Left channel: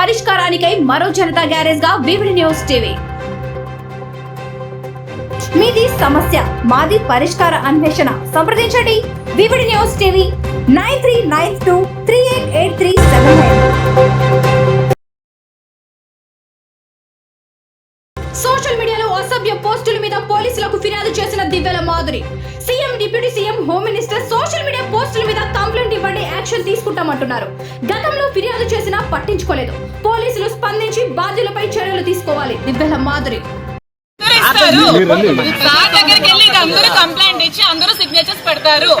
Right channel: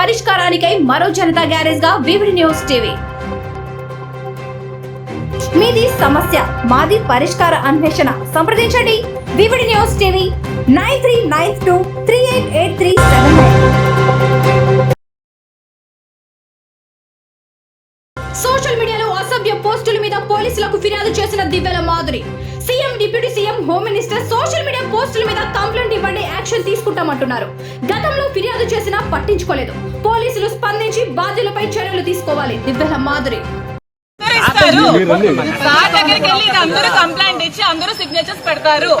పరిష్కారానికై మరో జనతా గ్యారేజ్ గా VVD news TV. మీది సమస్య మాది పరిష్కార అన్వేషణ. సంప్రదించండి వివిడి న్యూస్ టీవీ 9392388379. సోషల్ మీడియాలో అసభ్య పోస్టుల మీద పోలీసులకు ఫిర్యాదు చేసిన Divvala Madhuri. CM, deputy CM, home minister social media పోస్టుల మీద కంప్లైంట్ ఇవ్వండి, యాక్షన్ తీసుకుంటామంటున్నారు. గతంలో ఫిర్యాదు చేసినా పట్టించుకోలేదు. పోలీసులు స్పందించి బాధ్యులపై చర్యలు తీసుకోవాలి. దివ్యల మాధురి అందరూ కంప్లైంట్ ఇచ్చి అందరూ సిగ్నేచర్స్ పెడతారు.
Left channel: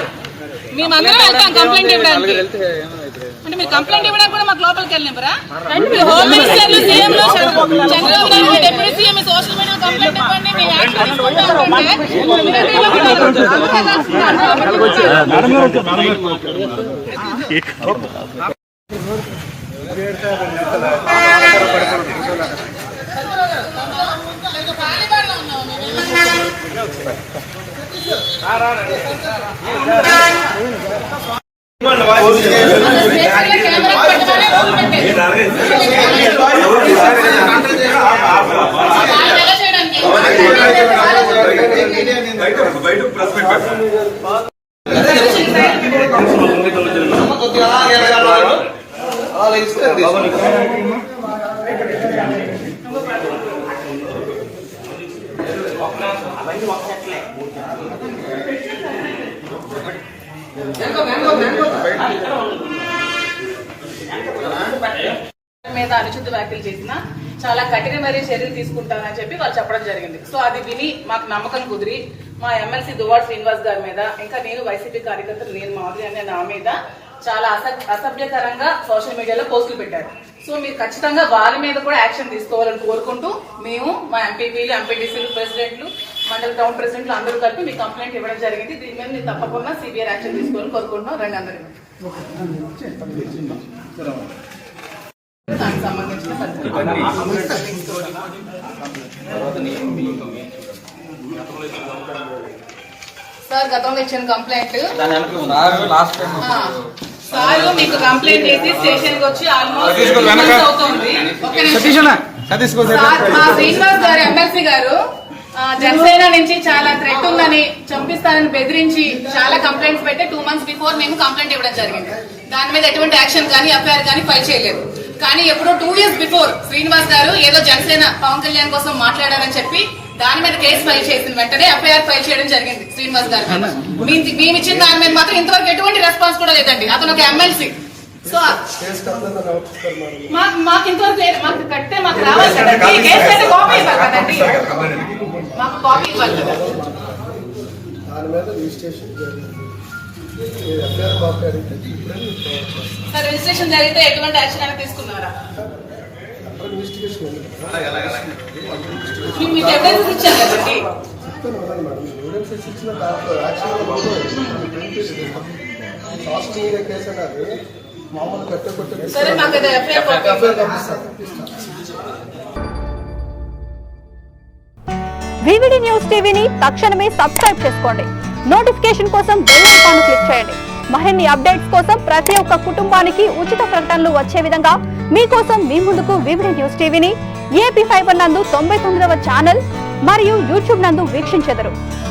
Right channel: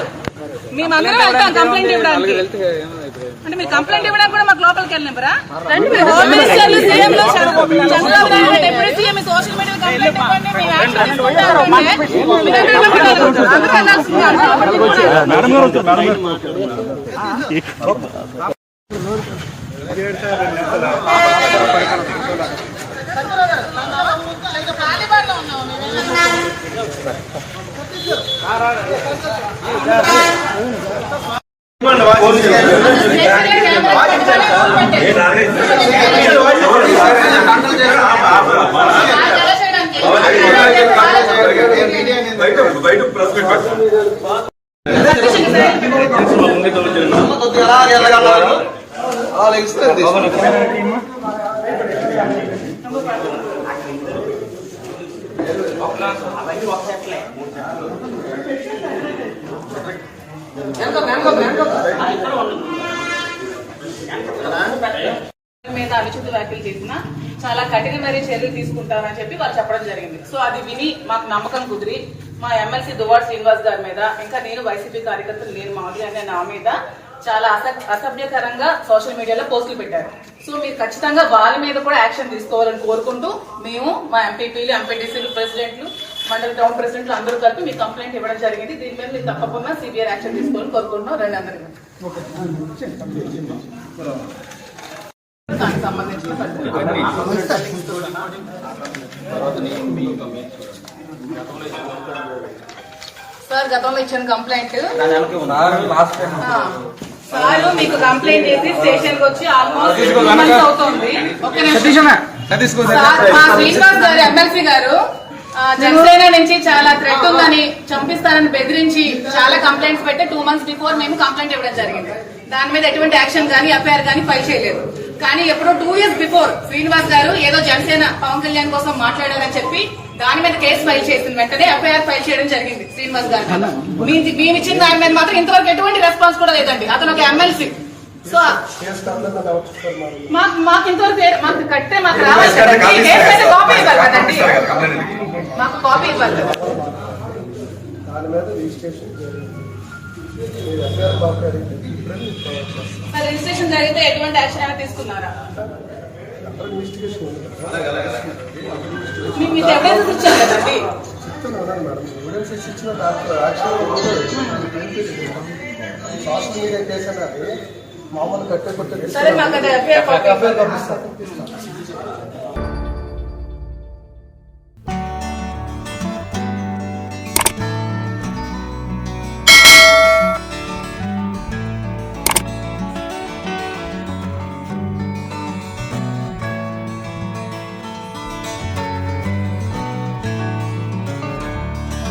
మేమందరం వెళ్తాం కంప్లైంట్ ఇవ్వడానికి. అంటే మీరు కంప్లైంట్ ఇవ్వడానికి కూడా మాకు లోపలికి వెళ్ళినరా? హోమ్ మినిస్టర్లు, సీఎంలు, Chandrababu Naidu deputy CM social media complaint ఇవ్వండి, మేము యాక్షన్ మీద అనుచిత వ్యాఖ్యలు చేసినా చాలా కఠినమైన చర్యలు తీసుకుంటామని చెప్పి వాళ్ళు చెప్పడం జరిగింది. సో అది విని మాకు నమ్మకం కుదిరి మా ఎమ్మెల్సీ దువ్వాడ శ్రీనివాస్ గారి మీద, ఇంకా నేను వైసీపీ కార్యకర్తలు నేను మాధురి అనే నా మీద చాలా అసభ్యకరంగా సోషల్ మీడియాలో పోస్టులు పెట్టారు. సో మీరు ఖచ్చితంగా వాళ్ళ మీద కూడా యాక్షన్ తీసుకోవాలని కోరుకుంటూ మేము మా ఎంపీపీలు, ఎంపీటీసీలు, ప్రెసిడెంట్లు, మండలి టౌన్ ప్రెసిడెంట్లు అందరూ కలిపి మీ కంప్లైంట్ ఇవ్వడం జరిగింది. దీని మీద మీరు తప్పకుండా సివియర్ యాక్షన్ తీసుకోవాలని కోరుకుంటున్నాం. రెండు అందరూ దానికి సంబంధించిన సార్ గతంలో ఇచ్చిన కంప్లైంట్ సార్ మీకు కంప్లైంట్ చేసి స్టేషన్ కి వచ్చి ఆల్మోస్ట్ అవుతుంది. శ్రీనివాస్ గారు ఎమ్మెల్సీ గారు జనసేన నుంచి చాలా థ్రెట్ ఉందని, చంపిస్తానని బెదిరించి చాలా కంప్లైంట్స్ పెట్టి 2 months బిఫోర్ మేము కంప్లైంట్ ఇవ్వడం జరిగింది. దాని మీద ఎటువంటి యాక్షన్ కానీ ఎఫ్ఐఆర్ కానీ ఫైల్ చేయలేదు. కానీ ఎప్పుడో 2 years బిఫోర్ శ్రీనివాస్ గారు ఏదో జనసేన పవన్ కళ్యాణ్ కోసం మాట్లాడారని చెప్పి దాని మీద కేసు ఫైల్ చేసిన వెంటనే ఎఫ్ఐఆర్ ఫైల్ చేయడం జరిగింది శ్రీనివాస్ గారు. మేము ఇచ్చిన దాని మీద మాత్రం ఇంతవరకు ఎటువంటి రెస్పాన్స్ కూడా లేదండి. అతను ఒక ఎమ్మెల్సీ. సో మాకు ఇంతవరకు మాకు కట్టే మాకు రావాలి కదండి. కేసు అయితే కాపీ ఇవ్వాలి కదండి, మాకు కాపీ ఇవ్వాలి కదా. రిజిస్ట్రేషన్ జరిగితే ఎటువంటి యాక్షన్ అయినా తీసుకున్నారా? మీకు ఎవిడెన్స్ ఇచ్చారు కదండి. సరే మాకు వివిడి న్యూస్ టీవీని తక్షణమే సబ్స్క్రైబ్ చేసుకోండి. నోటిఫికేషన్ కోసం బెల్ ఐకాన్ క్లిక్ చేయండి. మరిన్ని అప్డేట్స్ కోసం ప్రతి ఒక్క కుటుంబానికి ఉచిత ప్రకటనలు వచ్చే విధంగా మీకోసం మీ ముందుకు వివిడి న్యూస్ టీవీని AP5 నందు 99వ ఛానల్ మరియు యూట్యూబ్ నందు వీక్షించెదరు.